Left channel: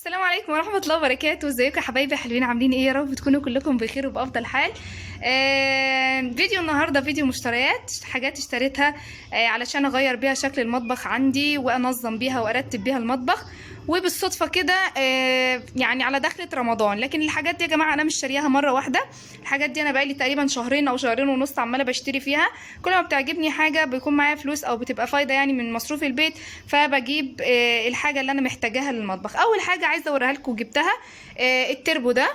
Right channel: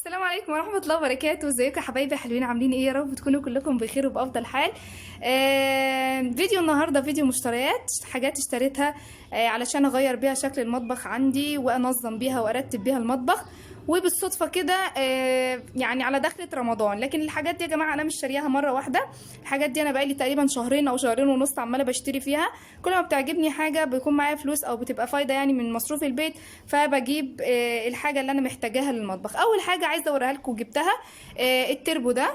السلام عليكم ورحمة الله وبركاته. ازيكم يا حبايبي حلوين؟ عاملين ايه؟ يا رب تكونوا كلكم بخير وبأفضل حال. فيديو النهاردة فيديو مشتريات، حاجات اشتريتها علشان اغير بيها شكل المطبخ عندي وانظم بيها وارتب بيها المطبخ. وبالصدفة كده يعني على دخلة رمضان، لكن الحاجات دي يا جماعة انا مش شارياها مرة واحدة. الحاجات دي انا بقالي تقريبا شهرين او شهرين ونص عمالة بشتري فيها. كل ما بتعجبني حاجة بيكون معايا فلوس او بتبقى فايدة يعني من مصروف البيت، فبجيب الحاجة اللي انا محتاجاها للمطبخ. اول حاجة عايزة اوريها لكم جبتها التربو ده.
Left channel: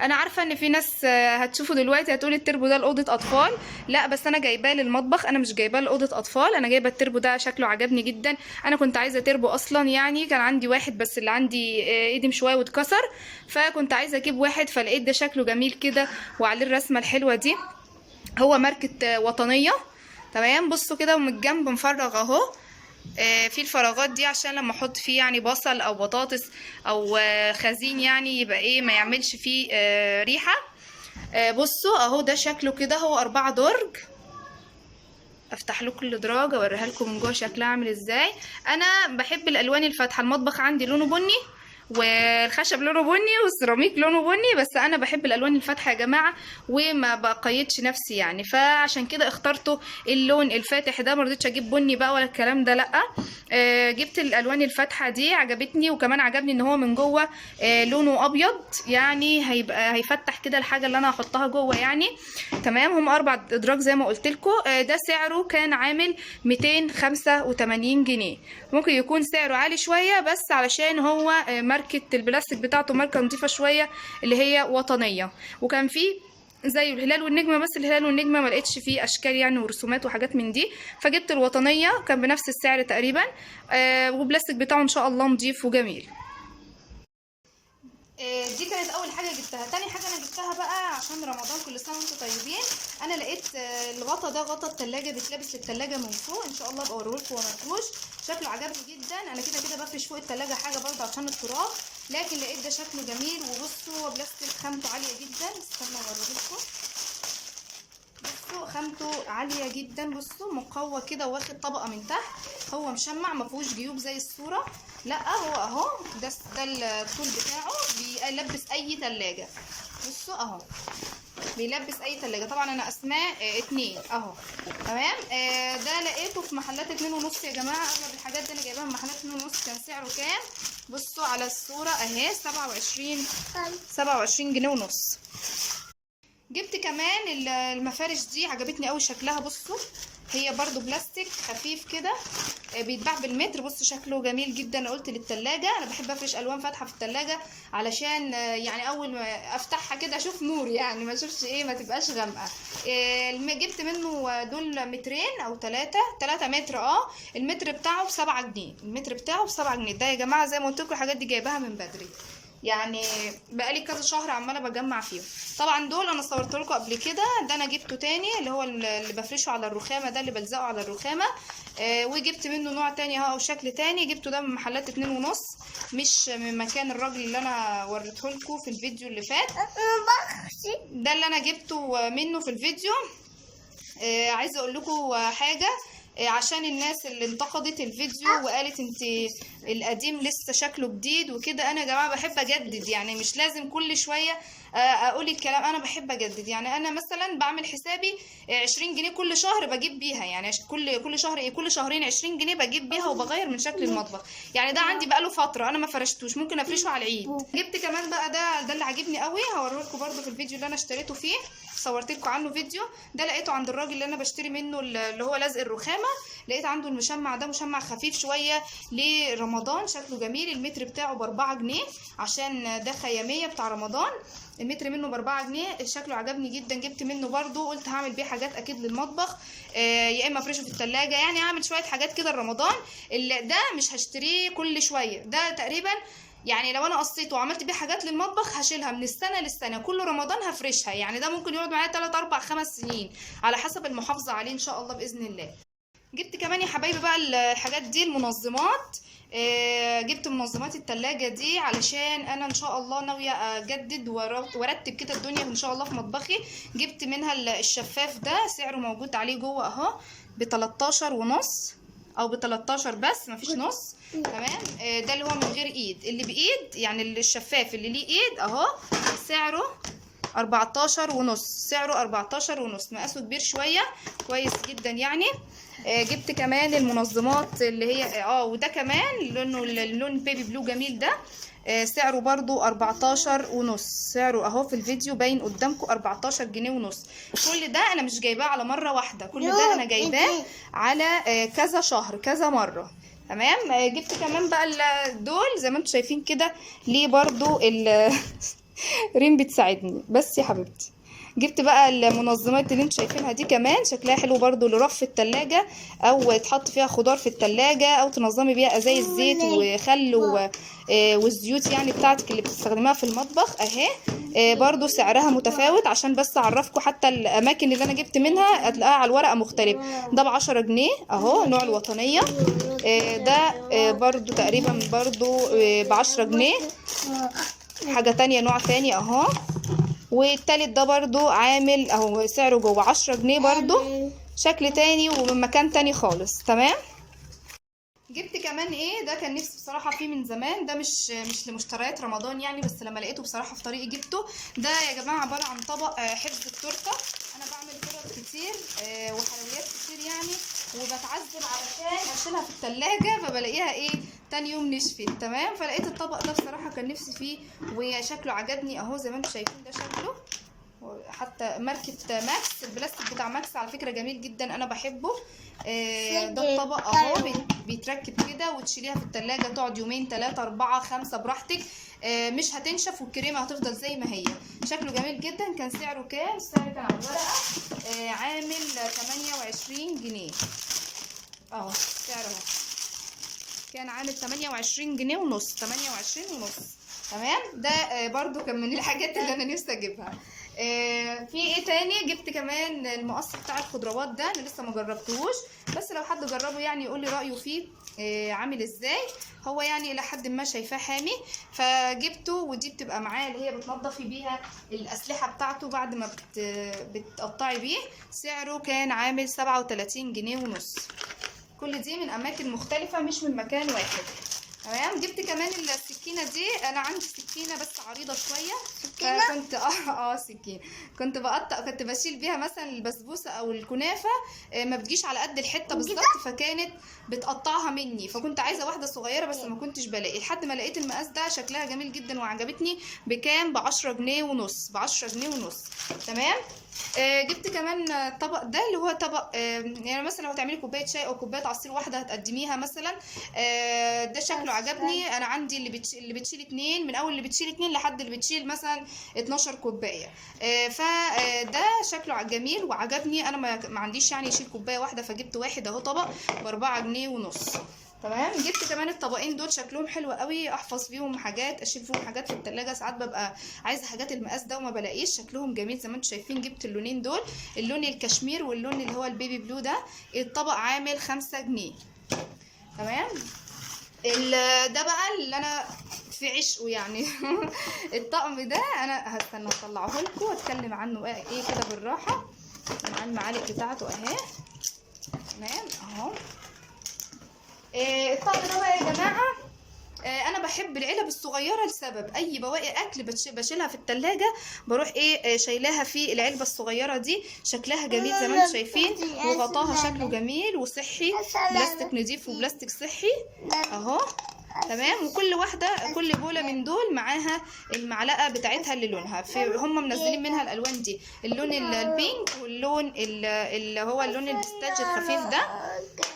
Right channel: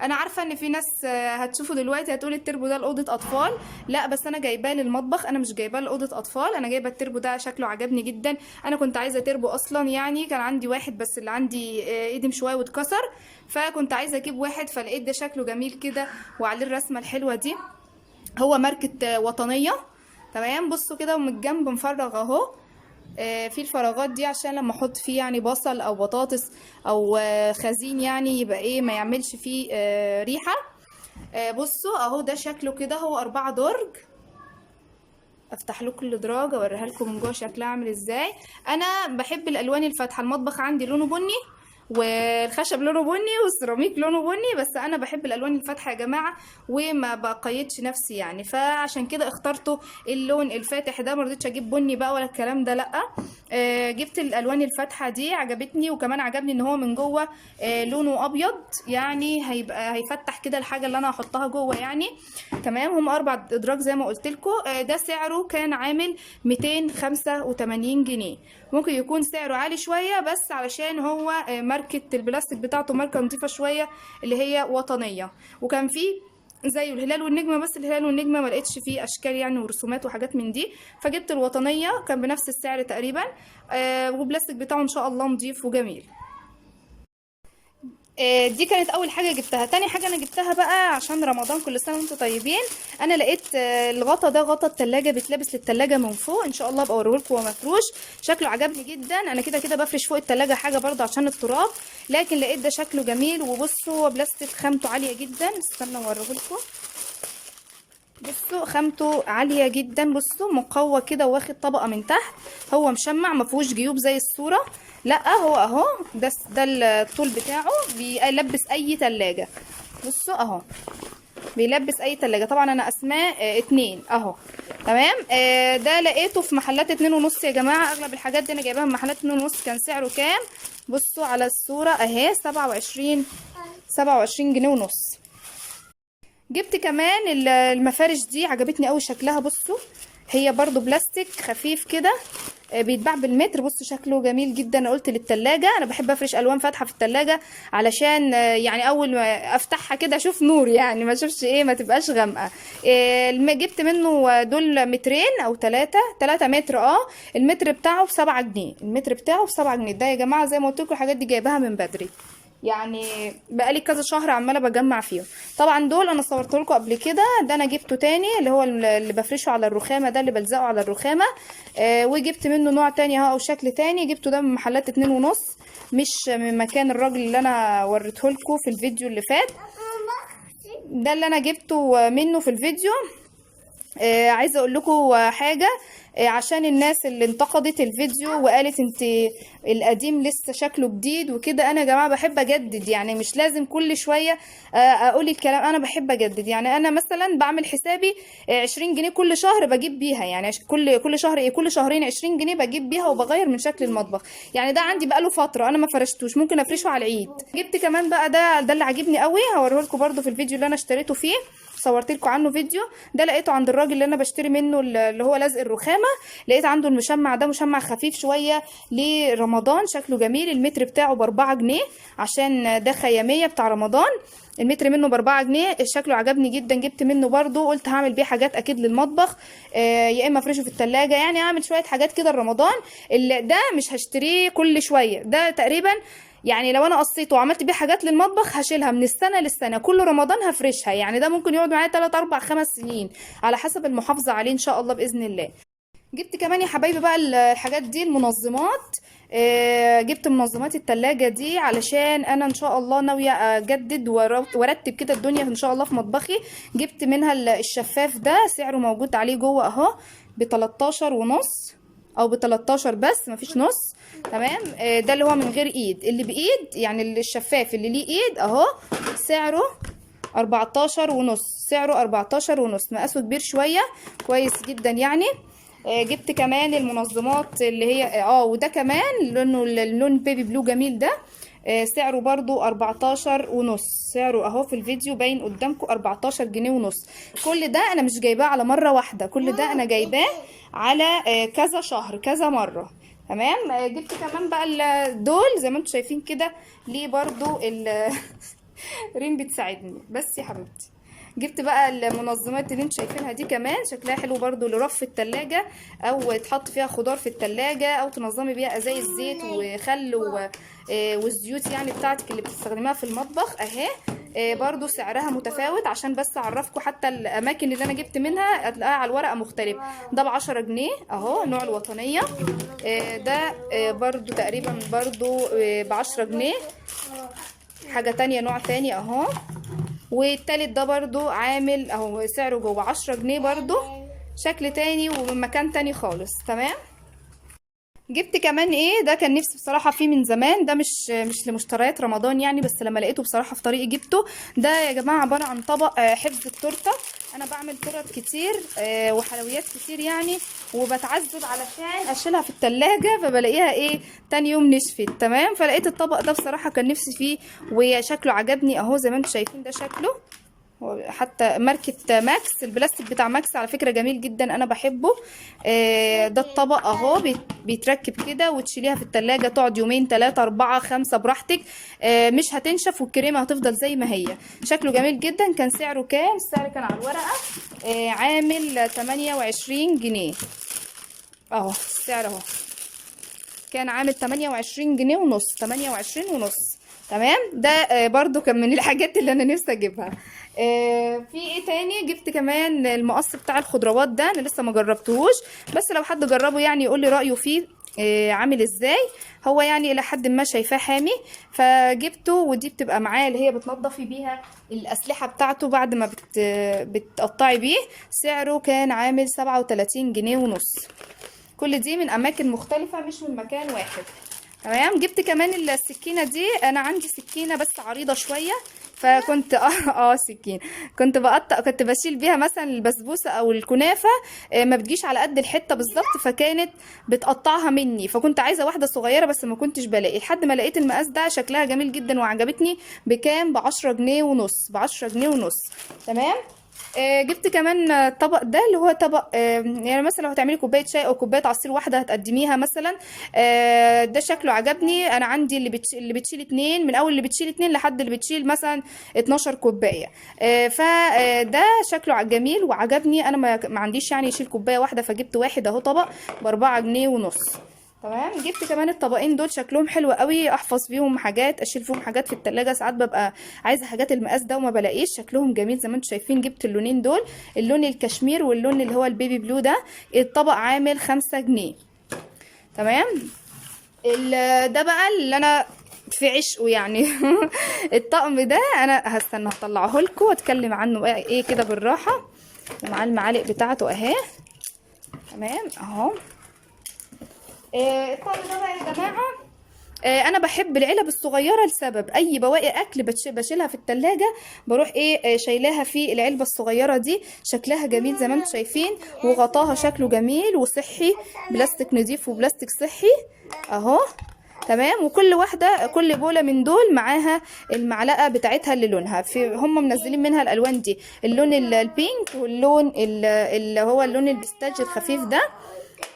انا عارفه ان في ناس هتشوفوا دلوقتي هتقول التربو ده لاوضه اطفال. لا، بس انا جايباه للمطبخ، انا مش جايباه لاوضه اطفال. انا جايبه التربو ده، شكله عجبني جدا. انا كنت عايزه تربو اصلا، يعني كان عندي واحد بس اللي عندي قديم شويه واتكسر، فكنت عايزه اجيب واحد، فلقيت ده شكله جميل كده وعليه الرسمه الحلوه دي. هو ماركه وطنيه. تمام، بصوا كده ومن الجنب مفرغ اهو. في الفراغات دي عشان لما احط فيه يعني بصل او بطاطس او خزين، يعني يبقى ايه، ما يعملش فيه ريحة. بصوا اهو، ده شكله كده، هو 4 درج. افتح لكم الادراج اوريها لكم من جوه شكلها عامل ازاي. انا بحب الالوان الفاتحه، المطبخ عندي لونه بني والخشب لونه بني والسيراميك لونه بني، بس انا بحب الالوان الفاتحه يا جماعه وما بقيدش نفسي يعني، فعشان كده اخترته اللون الفاتح ده. مرضتش اجيب بني بقى ولا الكلام ده، لا. جبت الالوان الفاتحه دي، عجبتني، وكمان عجبني ان هو من جوه لونه ابيض، يعني هيبقى هيفتح كده الحاجه اللي انا هحطها جوه يعني. تمام، هم 4 ادراج زي ما قلت لكم. ده سعره كان عامل 285 جنيه. ممكن يكون سعره عالي شويه، بس علشان هو ماركه البلاستيك بتاعته ماركه نظيفه شويه اللي هي وطنيه. وكان فيه زي الهلال والنجمه، بس الهلال والنجمه ما لقيتش فيه اشكال يعني ورسومات وحاجات من دي، فجبت الوطنيه، كان بنفس السعر تقريبا. وبلاستيك بتاعه ان شاء الله نظيف وجميل. دي كانت اول حاجه جبتها. تاني حاجه انا جبتها بقى عشان رمضان، كل سنه وانتم طيبين. انا لقيت الغطا ده، غطا التلاجة، بيتلبس للتلاجة من فوق، ان شاء الله ابقى اوريهولكم وهو مفروش. شكله عجبني جدا. انا كده كده بفرش فوق التلاجة حاجه برضه عشان التراب، لكن لقيت ده شكله جميل. وبصوا هو بلاستيك خامته عاليه جدا، استنى اوريهولكم. بصوا خامته عاليه جدا، بصوا مقوى كده واخد طبقه من تحت. هو مشمع، مفيهوش جيوب زي الصوره، لا هو اهو. ده الطول بتاعه بيلبس اي تلاجة. بصوا اهو، بيلبس اي تلاجة. طبعا انا اسماء 2 اهو. تمام. ده لقيته في محلات 2.5 يا جماعة. اغلب الحاجات دي انا جايباها من محلات 2.5. كان سعره كام؟ بصوا على الصورة اهي، 27 جنيه ونص. جبت كمان المفارش دي، عجبتني قوي شكلها. بصوا هي برضو بلاستيك خفيف كده، بيتباع بالمتر. بص شكله جميل جدا. انا قلت للتلاجة، انا بحب افرش الوان فاتحه في التلاجة علشان يعني اول ما افتحها كده اشوف نور، يعني ما اشوفش ايه، ما تبقاش غامقه. جبت منه دول مترين او 3 متر. المتر بتاعه ب7 جنيه. المتر بتاعه ب7 جنيه. ده يا جماعه زي ما قلت لكم الحاجات دي جايباها من بدري، يعني بقالي كذا شهر عماله بجمع فيهم. طبعا دول انا صورت لكم قبل كده. ده انا جبته تاني، اللي هو اللي بفرشه على الرخامه، ده اللي بلزقه على الرخامه. وجبت منه نوع تاني اهو، او شكل تاني. جبته ده من محلات 2.5، مش من مكان الراجل اللي انا وريته لكم في الفيديو اللي فات. ده اللي انا جبته منه في الفيديو. عايزه اقول لكم حاجه، عشان الناس اللي انتقدت الفيديو وقالت انت القديم لسه شكله جديد وكده. انا يا جماعه بحب اجدد، يعني مش لازم كل شويه اقول الكلام. انا بحب اجدد، يعني انا مثلا بعمل حسابي 20 جنيه كل شهر بجيب بيها، يعني كل شهر ايه، كل شهرين 20 جنيه بجيب بيها وبغير من شكل المطبخ. يعني ده عندي بقاله فتره انا ما فرشتوش، ممكن افرشه على العيد. جبت كمان بقى ده اللي عاجبني قوي، هوريه لكم برده في الفيديو اللي انا اشتريته فيه، صورت لكم عنه فيديو. ده لقيته عند الراجل اللي انا بشتري منه اللي هو لزق الرخامه. لقيت عنده المشمع ده، مشمع خفيف شويه لرمضان، شكله جميل. المتر بتاعه ب4 جنيه عشان ده خياميه بتاع رمضان. المتر منه ب4 جنيه، شكله عجبني جدا. جبت منه برضو، قلت هعمل بيه حاجات اكيد للمطبخ، يا اما افرشه في التلاجة، يعني هعمل شويه حاجات كده لرمضان. اللي ده مش هشتريه كل شويه، ده تقريبا يعني لو انا قصيته وعملت بيه حاجات للمطبخ هشيلها من السنه للسنه، كل رمضان هفرشها. يعني ده ممكن يقعد معايا 3 4 5 سنين على حسب المحافظه عليه ان شاء الله باذن الله. جبت كمان يا حبايبي بقى الحاجات دي، المنظمات. جبت منظمات التلاجة دي علشان انا ان شاء الله ناوية اجدد وارتب كده الدنيا ان شاء الله في مطبخي. جبت منها الشفاف ده، سعره موجود عليه جوه اهو ب13 ونص. او ب 13 بس مفيش نص. تمام. ده اللي هو من غير ايد. اللي بايد يعني الشفاف اللي ليه ايد اهو سعره 14 ونص. سعره 14 ونص، مقاسه كبير شويه، كويس جدا يعني. جبت كمان المنظمات اللي هي وده كمان لونه اللون بيبي بلو جميل ده. سعره برضو 14 ونص. سعره اهو في الفيديو باين قدامكم 14 جنيه ونص. كل ده انا مش جايباه على مرة واحدة، كل ده انا جايباه على كذا شهر كذا مرة. تمام. جبت كمان بقى دول زي ما انتم شايفين كده. ليه برضو ريم بتساعدني بس يا حبيبتي. جبت بقى المنظمات اللي انتوا شايفينها دي كمان، شكلها حلو برضو لرف التلاجة، او تحط فيها خضار في التلاجة، او تنظمي بيها ازايز زيت وخل والزيوت يعني بتاعتك اللي بتستخدميها في المطبخ اهي. برضو سعرها متفاوت عشان بس اعرفكم، حتى الاماكن اللي انا جبت منها هتلاقيها على الورقة مختلف. ده ب10 جنيه اهو، نوع الوطنية. ده برضو تقريبا برضو ب10 جنيه. حاجة تانية نوع تاني اهو. والتالت ده برضو عامل اهو سعره جوه 10 جنيه برضو، شكل تاني ومن مكان تاني خالص. تمام. جبت كمان ده كان نفسي بصراحه فيه من زمان، ده مش لمشتريات رمضان يعني، بس لما لقيته بصراحه في طريقي جبته. ده يا جماعه عباره عن طبق حفظ التورته. انا بعمل تورت كتير وحلويات كتير يعني، وبتعذب علشان اشيلها في التلاجة، فبلاقيها تاني يوم نشفت. تمام. فلقيت الطبق ده بصراحه كان نفسي فيه، وشكله عجبني اهو زي ما انتم شايفين. ده شكله حتى ماركة ماكس، البلاستيك بتاع ماكس على فكرة جميل جدا، انا بحبه. ده الطبق اهو بيتركب كده، وتشيليها في التلاجة تقعد يومين 3 4 5 براحتك. مش هتنشف، والكريمة هتفضل زي ما هي. شكله جميل جدا. كان سعره كام؟ السعر كان على الورقة عامل 28 جنيه اهو. السعر اهو كان عامل 28 جنيه ونص، 28 ونص. تمام. ده برضو كان من الحاجات اللي انا نفسي اجيبها. في تاني؟ جبت كمان المقص بتاع الخضروات ده، انا لسه ما جربتهوش، بس لو حد جربه يعني يقول لي رايه فيه عامل ازاي. هو يعني الى حد ما شايفاه حامي، فجبته. ودي بتبقى معاه اللي هي بتنضفي بيها الاسلحه بتاعته بعد ما بتقطعي بيه. سعره كان عامل 37 جنيه ونص. كل دي من اماكن مختلفه مش من مكان واحد. تمام. جبت كمان السكينه دي. انا عندي سكينه بس عريضه شويه، فكنت سكين كنت بشيل بيها مثلا البسبوسه او الكنافه. ما بتجيش على قد الحته بالظبط، فكانت بتقطعها مني، فكنت عايزه واحده صغيره بس ما كنتش بلاقي، لحد ما لقيت المقاس ده. شكلها جميل جدا وعجبتني. بكام؟ ب10 جنيه ونص. ب10 جنيه ونص. تمام. جبت كمان الطبق ده اللي هو طبق يعني مثلا لو هتعملي كوبايه شاي او كوبايه عصير واحده هتقدميها مثلا. ده شكله عجبني. انا عندي اللي بتشيل 2، من اول اللي بتشيل 2 لحد اللي بتشيل مثلا 12 كوبايه. فده شكله جميل وعجبني. انا ما عنديش يعني يشيل كوبايه واحده، فجبت واحد اهو طبق ب4 جنيه ونص. تمام. جبت كمان الطبقين دول شكلهم حلو قوي، احفظ فيهم حاجات، اشيل فيهم حاجات في التلاجة. ساعات ببقى عايزه حاجات المقاس ده وما بلاقيش. شكلهم جميل زي ما انتم شايفين. جبت اللونين دول، اللون الكشمير واللون اللي هو البيبي بلو ده. الطبق عامل 5 جنيه. تمام. ده بقى اللي انا في عشقه يعني. الطقم ده انا هستنى اطلعه لكم واتكلم عنه كده بالراحه، مع المعالق بتاعته اهي. تمام اهو. الطقم ده بقى يا جماعه، انا بحب العلب الصغيره لسبب. اي بواقي اكل بشيلها في التلاجة، بروح شايلاها في العلبه الصغيره دي. شكلها جميل زي ما انتم شايفين، وغطاها شكله جميل وصحي، بلاستيك نضيف وبلاستيك صحي اهو. تمام. وكل واحده، كل بوله من دول معاها المعلقه بتاعتها اللي لونها هم منزلين منها الالوان دي، اللون البينك، واللون اللي هو اللون البستاج الخفيف ده،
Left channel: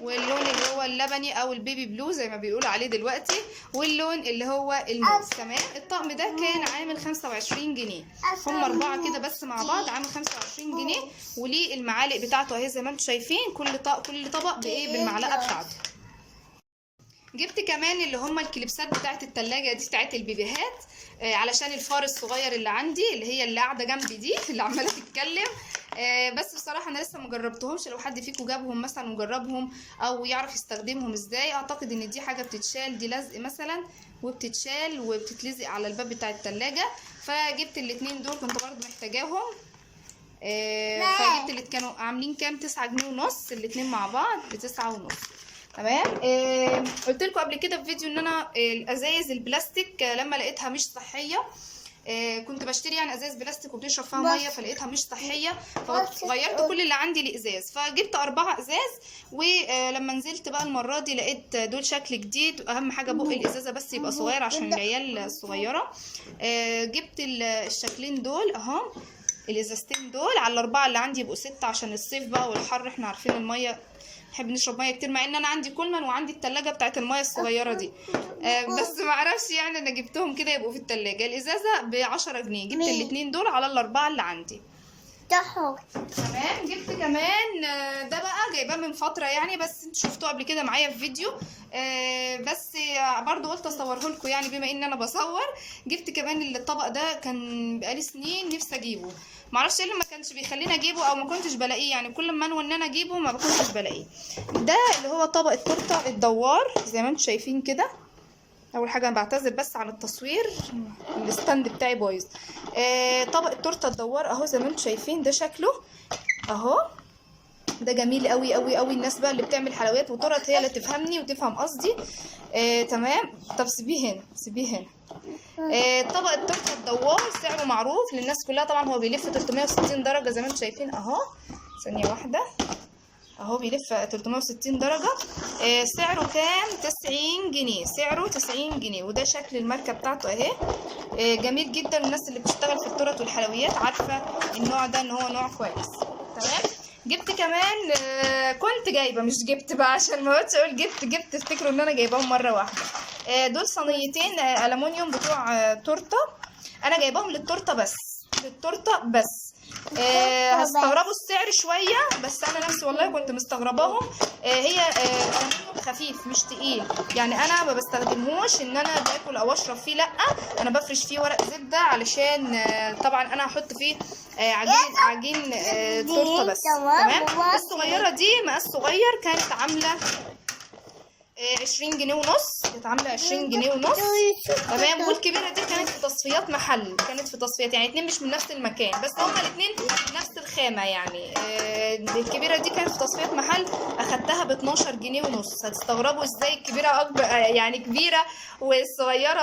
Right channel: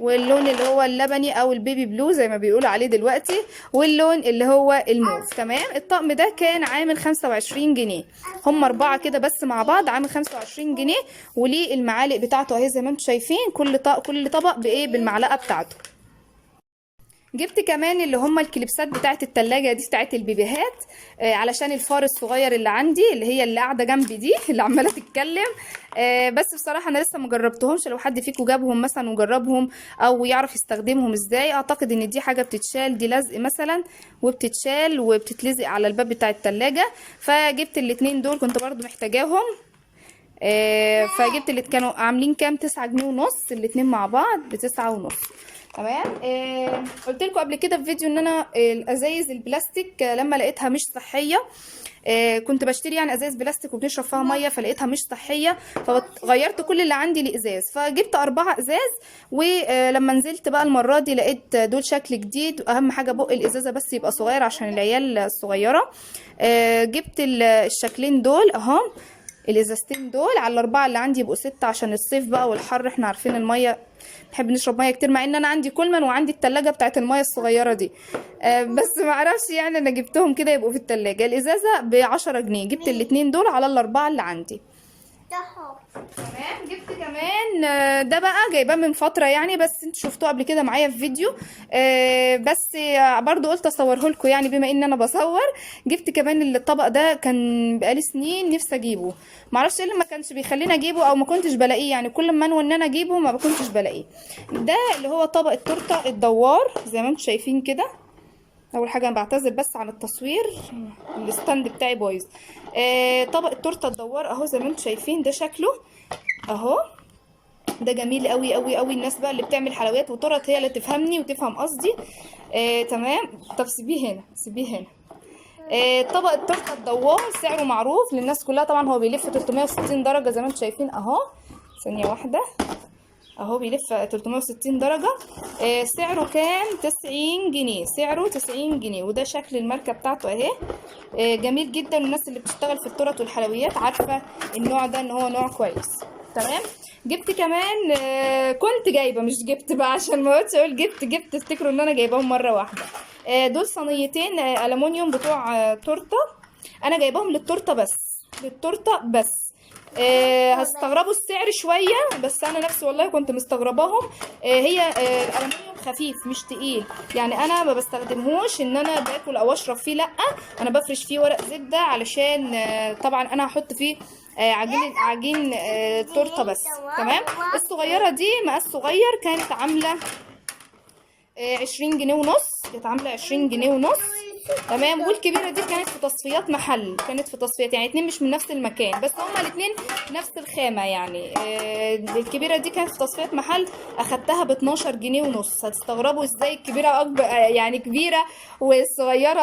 واللون اللي هو اللبني او البيبي بلو زي ما بيقولوا عليه دلوقتي، واللون اللي هو الموف. تمام. الطقم ده كان عامل 25 جنيه. هم 4 كده بس مع بعض عامل 25 جنيه. وليه المعالق بتاعته اهي زي ما انتم شايفين، كل طبق بالمعلقه بتاعته. جبت كمان اللي هم الكليبسات بتاعت التلاجة دي بتاعت البيبيهات، علشان الفار الصغير اللي عندي، اللي قاعده جنبي دي اللي عماله تتكلم. بس بصراحه انا لسه مجربتهمش. لو حد فيكم جابهم مثلا وجربهم او يعرف يستخدمهم ازاي، اعتقد ان دي حاجه بتتشال، دي لزق مثلا وبتتشال وبتتلزق على الباب بتاع التلاجة. فجبت الاتنين دول كنت برضو محتاجاهم. فجبت اللي كانوا عاملين كام؟ 9 جنيه ونص. الاتنين مع بعض ب9 ونص. تمام. قلت لكم قبل كده في فيديو ان انا الازايز البلاستيك لما لقيتها مش صحيه، كنت بشتري يعني ازاز بلاستيك وبنشرب فيها ميه، فلقيتها مش صحيه، فغيرت كل اللي عندي لازاز، فجبت 4 ازاز. ولما نزلت بقى المره دي لقيت دول شكل جديد، اهم حاجه بق الازازه بس يبقى صغير عشان العيال الصغيره. جبت الشكلين دول اهو، الازازتين دول على ال4 اللي عندي يبقوا 6 عشان الصيف بقى والحر، احنا عارفين الميه بحب نشرب ميه كتير، مع ان انا عندي كولمان وعندي التلاجة بتاعت الميه الصغيره دي. بس ما اعرفش يعني انا جبتهم كده يبقوا في التلاجة. الازازه ب10 جنيه، جبت الاتنين دول على ال4 اللي عندي. تمام. جبت كمان ده بقى جايباه من فتره يعني، بس انتوا شفتوه قبل كده معايا في فيديو، بس برضو قلت اصوره لكم يعني بما ان انا بصور. جبت كمان الطبق ده، كان بقالي سنين نفسي اجيبه، معرفش ايه اللي ما كانش بيخليني اجيبه او ما كنتش بلاقيه، يعني كل ما انوي ان انا اجيبه ما كنتش بلاقيه. ده اللي هو طبق التورته الدوار زي ما انتم شايفين كده. اول حاجه انا بعتذر بس عن التصوير، الستاند بتاعي بايظ. طبق التورته الدوار اهو زي ما انتم شايفين، ده شكله اهو، ده جميل قوي قوي قوي. الناس بقى اللي بتعمل حلويات وتورت هي اللي تفهمني وتفهم قصدي. تمام. طب سيبيه هنا، سيبيه هنا. طبق التورته الدوار سعره معروف للناس كلها طبعا، هو بيلف 360 درجه زي ما انتم شايفين اهو. ثانيه واحده اهو، بيلف 360 درجة. سعره كام؟ 90 جنيه، سعره 90 جنيه. وده شكل الماركة بتاعته اهي. جميل جدا، الناس اللي بتشتغل في التورت والحلويات عارفة النوع ده ان هو نوع كويس. تمام. جبت كمان كنت جايبة، مش جبت بقى عشان ما اقعدش اقول جبت تفتكروا ان انا جايباهم مرة واحدة. دول صينيتين ألمونيوم بتوع تورتة، انا جايباهم للتورتة بس، للتورتة بس. هتستغربوا السعر شويه، بس انا نفسي والله كنت مستغرباهم. هي الالومنيوم خفيف مش تقيل، يعني انا ما بستخدمهوش ان انا باكل او اشرب فيه، لا انا بفرش فيه ورق زبده علشان طبعا انا هحط فيه عجين تورته بس. تمام. الصغيره دي مقاس صغير كانت عامله 20 جنيه ونص، كانت عامله 20 جنيه ونص. تمام. والكبيره دي كانت في تصفيات محل، كانت في تصفيات يعني اتنين مش من نفس المكان، بس هما الاتنين نفس الخامه يعني. الكبيره دي كانت في تصفيات محل، اخدتها ب 12 جنيه ونص. هتستغربوا ازاي الكبيره اكبر يعني كبيره والصغيره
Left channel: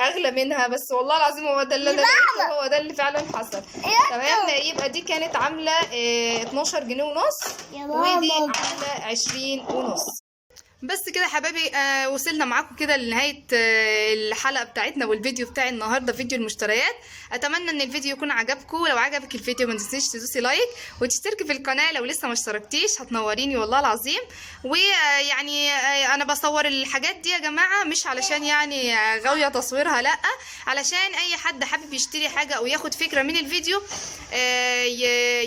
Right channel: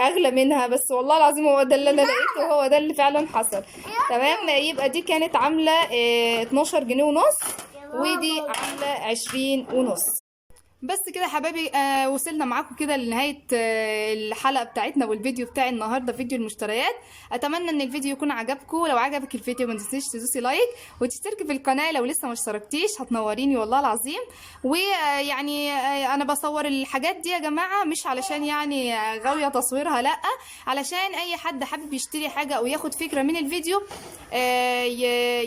اغلى منها، بس والله العظيم هو ده اللي انا لقيته، هو ده اللي فعلا حصل. تمام. يبقى دي كانت عامله 12 جنيه ونص، ودي عامله 20 ونص. بس كده حبايبي، وصلنا معاكم كده لنهاية الحلقة بتاعتنا والفيديو بتاعي النهاردة، فيديو المشتريات. اتمنى ان الفيديو يكون عجبكم، لو عجبك الفيديو ما تنسيش تدوسي لايك وتشتركي في القناة لو لسه ما اشتركتيش، هتنوريني والله العظيم. ويعني انا بصور الحاجات دي يا جماعة مش علشان يعني غاوية تصويرها، لا علشان اي حد حابب يشتري حاجة او ياخد فكرة من الفيديو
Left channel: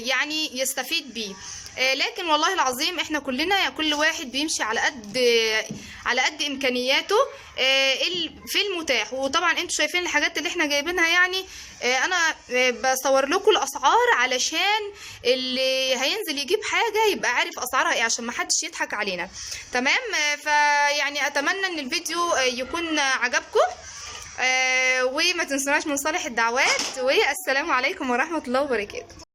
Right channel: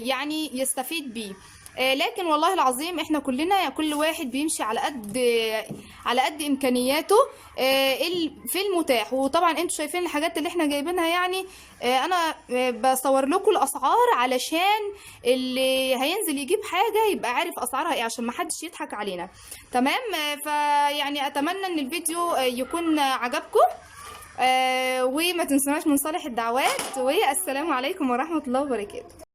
يعني يستفيد بيه. لكن والله العظيم احنا كلنا كل واحد بيمشي على قد امكانياته في المتاح. وطبعا انتوا شايفين الحاجات اللي احنا جايبينها يعني، انا بصور لكم الاسعار علشان اللي هينزل يجيب حاجه يبقى عارف اسعارها ايه، عشان ما حدش يضحك علينا. تمام. فيعني اتمنى ان الفيديو يكون عجبكم، وما تنسوناش من صالح الدعوات، والسلام عليكم ورحمه الله وبركاته.